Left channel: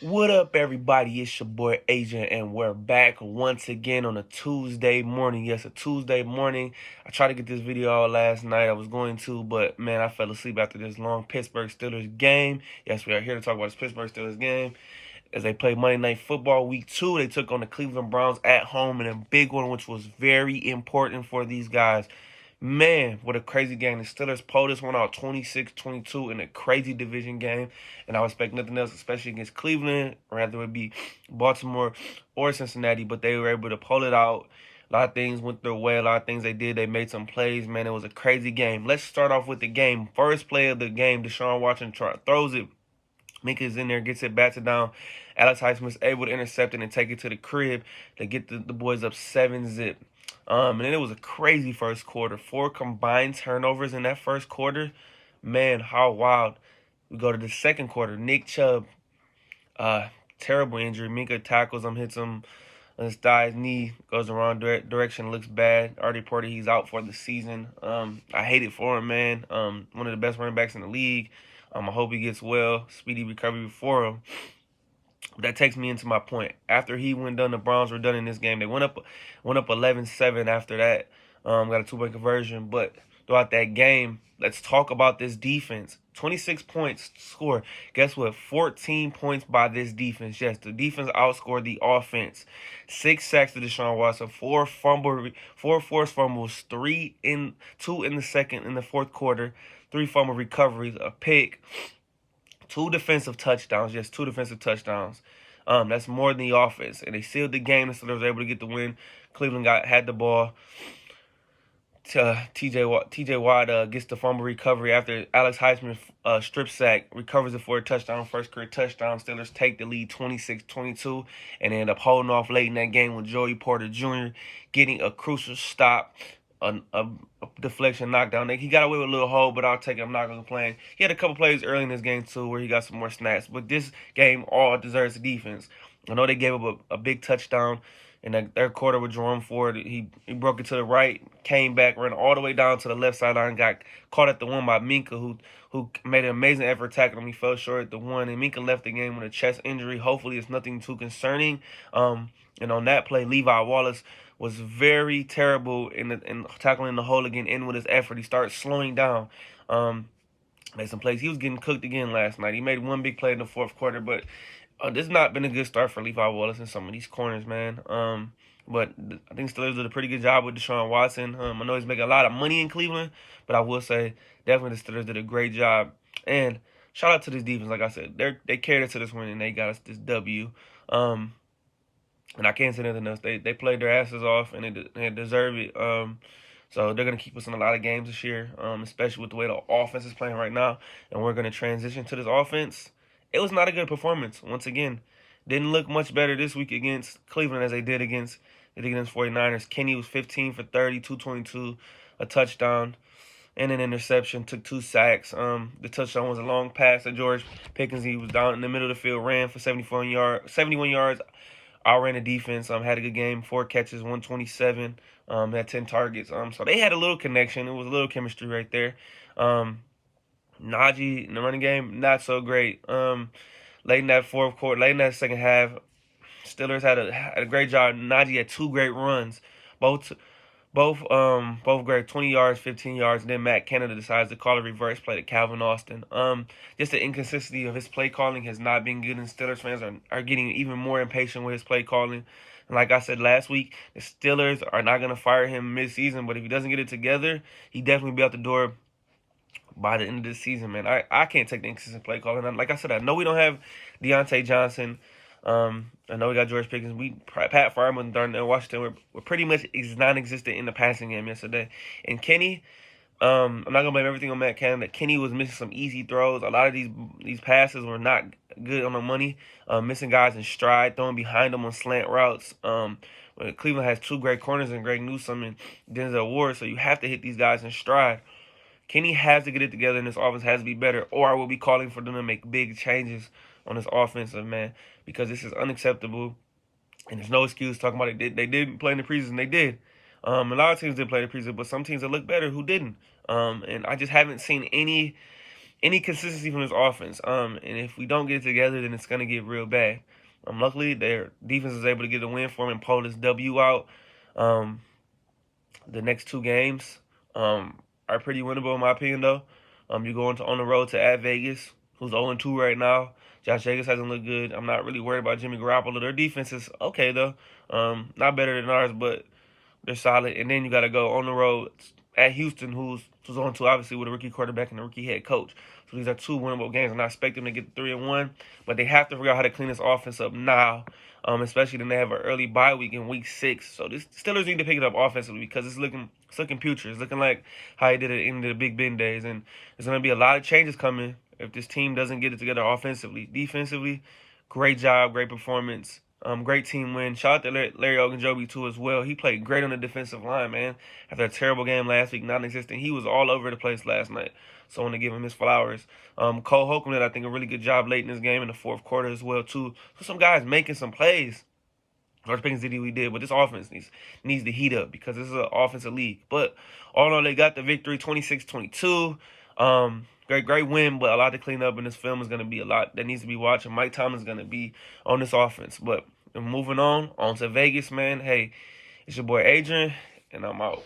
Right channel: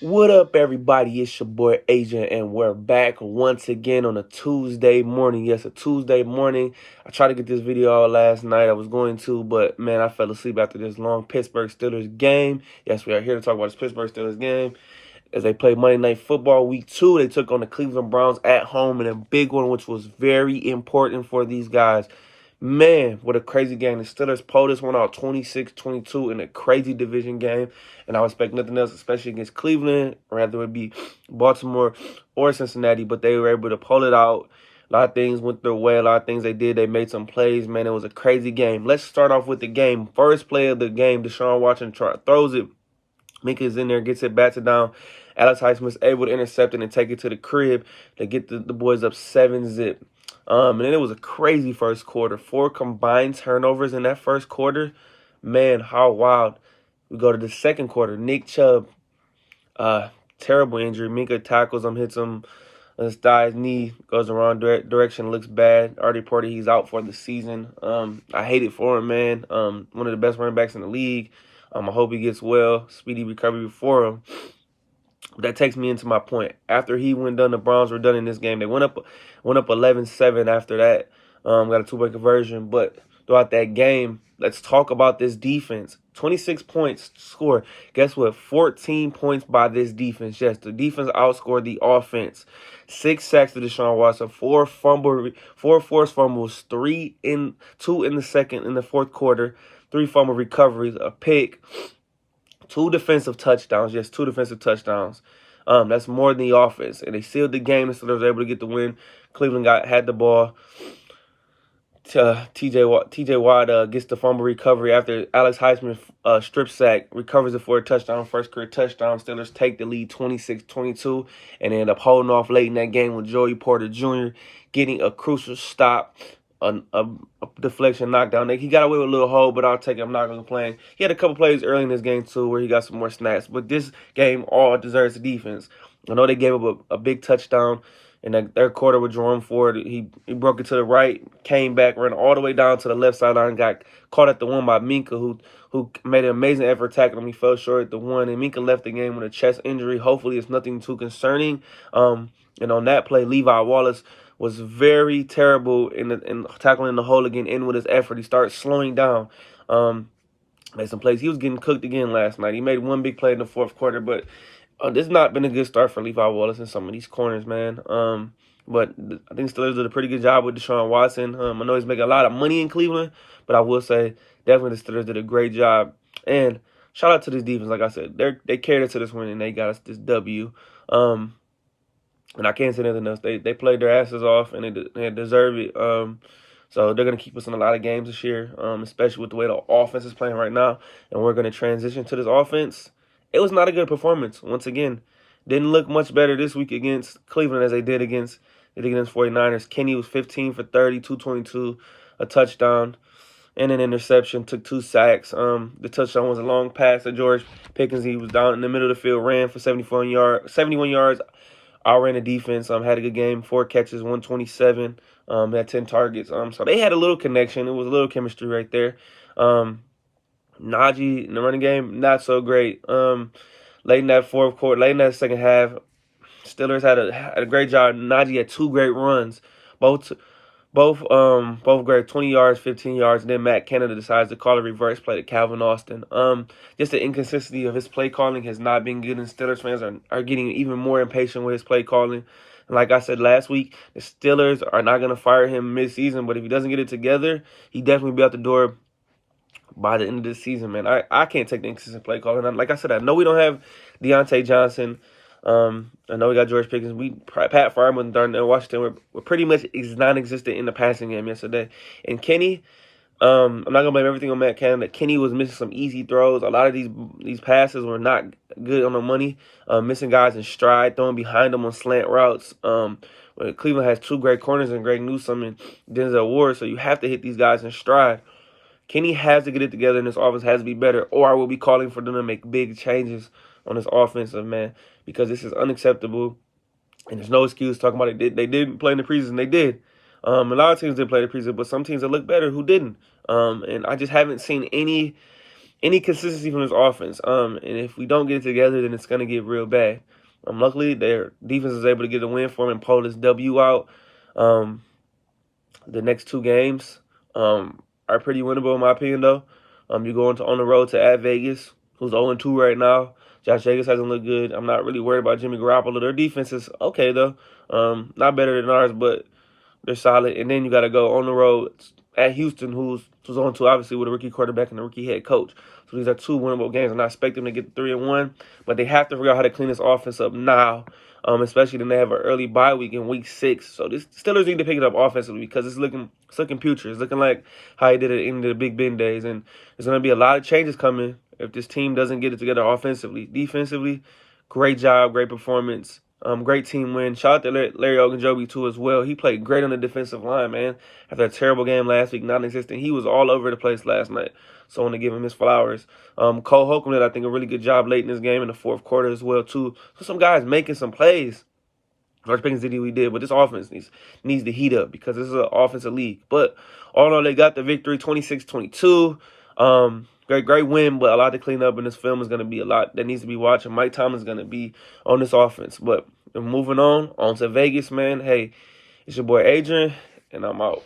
What up, everybody? It's your boy Agent, and we're back once again on a Tuesday morning. Yes, a Tuesday morning. I tried to get this video out last night. I was going to, but man, I fell asleep after this long Pittsburgh Steelers game. Yes, we are here to talk about this Pittsburgh Steelers game as they played Monday Night Football Week 2. They took on the Cleveland Browns at home in a big one, which was very important for these guys. Man, what a crazy game. The Steelers pulled this one out 26-22 in a crazy division game. And I expect nothing else, especially against Cleveland, or rather it be Baltimore or Cincinnati. But they were able to pull it out. A lot of things went their way. A lot of things they did. They made some plays. Man, it was a crazy game. Let's start off with the game. First play of the game, Deshaun Watson throws it. Minka's in there, gets it batted down. Alex Highsmith's able to intercept it and take it to the crib to get the boys up 7-zip. And then it was a crazy first quarter. 4 combined turnovers in that first quarter. Man, how wild. We go to the second quarter. Nick Chubb, terrible injury. Minka tackles him, hits him on his thigh, his knee, goes the wrong direction, looks bad. Already reported he's out for the season. I hate it for him, man. One of the best running backs in the league. I hope he gets well, speedy recovery for him. But that takes me into my point. After he went done, the Browns were done in this game. They went up 11-7 after that. Got a 2-point conversion. But throughout that game, let's talk about this defense. 26 points scored. Guess what? 14 points by this defense. Yes, the defense outscored the offense. 6 sacks to Deshaun Watson. 4 forced fumbles. 2 in the fourth quarter. 3 fumble recoveries. A pick. 2 defensive touchdowns. Yes, 2 defensive touchdowns. That's more than the offense. And they sealed the game, so they was able to get the win. Cleveland had the ball. TJ Watt gets the fumble recovery after Alex Highsmith strip sack, recovers it for a touchdown, first career touchdown. Steelers take the lead 26-22 and they end up holding off late in that game with Joey Porter Jr. getting a crucial stop, a deflection knockdown. He got away with a little hole, but I'll take it. I'm not going to complain. He had a couple plays early in this game, too, where he got some more snaps. But this game all deserves the defense. I know they gave up a big touchdown in the third quarter with Jerome Ford. He broke it to the right, came back, ran all the way down to the left sideline, got caught at the one by Minka, who made an amazing effort tackling him. He fell short at the one, and Minka left the game with a chest injury. Hopefully it's nothing too concerning. And on that play, Levi Wallace was very terrible in tackling the hole again, in with his effort. He started slowing down. Made some plays. He was getting cooked again last night. He made one big play in the fourth quarter, but this has not been a good start for Levi Wallace and some of these corners, man. But I think Steelers did a pretty good job with Deshaun Watson. I know he's making a lot of money in Cleveland, but I will say definitely the Steelers did a great job. And shout out to this defense. Like I said, they carried us to this win and they got us this W. And I can't say nothing else. They played their asses off and they deserve it. So they're going to keep us in a lot of games this year, especially with the way the offense is playing right now. And we're going to transition to this offense. It was not a good performance. Once again, didn't look much better this week against Cleveland as they did against 49ers. Kenny was 15 for 30, 222, a touchdown, and an interception. Took 2 sacks. The touchdown was a long pass to George Pickens. He was down in the middle of the field, ran for 71 yards. Outran the defense. Had a good game. 4 catches, 127. Had 10 targets. So they had a little connection. It was a little chemistry right there. Najee in the running game, not so great. Late in that fourth quarter, late in that second half, Steelers had a great job. Najee had 2 great runs, both great, 20 yards, 15 yards. And then Matt Canada decides to call a reverse play to Calvin Austin. Just the inconsistency of his play calling has not been good, and Steelers fans are getting even more impatient with his play calling. And like I said last week, the Steelers are not going to fire him mid-season, but if he doesn't get it together, he definitely be out the door by the end of the season, man. I can't take the inconsistent play calling. And like I said, I know we don't have Deontay Johnson. I know we got George Pickens. Pat Freiermuth and Darnell Washington were pretty much non-existent in the passing game yesterday. And Kenny, I'm not gonna blame everything on Matt Canada. Kenny was missing some easy throws. A lot of these passes were not good on the money. Missing guys in stride, throwing behind them on slant routes. Cleveland has 2 great corners in Greg Newsome and Denzel Ward, so you have to hit these guys in stride. Kenny has to get it together, and this offense has to be better, or I will be calling for them to make big changes on this offensive, man, because this is unacceptable, and there's no excuse talking about it. They didn't play in the preseason. They did. A lot of teams didn't play the preseason, but some teams that look better who didn't. And I just haven't seen any any consistency from this offense. And if we don't get it together, then it's gonna get real bad. Luckily, their defense is able to get a win for them and pull this W out. The next 2 games are pretty winnable in my opinion, though. You're going on the road to at Vegas, who's 0-2 right now. Josh Jacobs hasn't looked good. I'm not really worried about Jimmy Garoppolo. Their defense is okay, though. Not better than ours, but they're solid. And then you got to go on the road at Houston, who's 0-2, obviously, with a rookie quarterback and a rookie head coach. So these are 2 winnable games. I'm not expecting them to get 3-1, but they have to figure out how to clean this offense up now, especially then they have an early bye week in week 6. So the Steelers need to pick it up offensively because it's looking putrid. It's looking like how he did it in the Big Ben days. And there's going to be a lot of changes coming if this team doesn't get it together offensively. Defensively, great job, great performance. Great team win. Shout out to Larry Ogunjobi, too, as well. He played great on the defensive line, man. After a terrible game last week, non-existent, he was all over the place last night. So I want to give him his flowers. Cole Holcomb did, I think, a really good job late in this game in the 4th quarter as well, too. So some guys making some plays. George Pickens did what he did, but this offense needs to heat up because this is an offensive league. But all in all, they got the victory, 26-22. Great win, but a lot to clean up, and this film is going to be a lot that needs to be watched. And Mike Tomlin's going to be on this offense. But moving on to Vegas, man. Hey, it's your boy Adrian, and I'm out.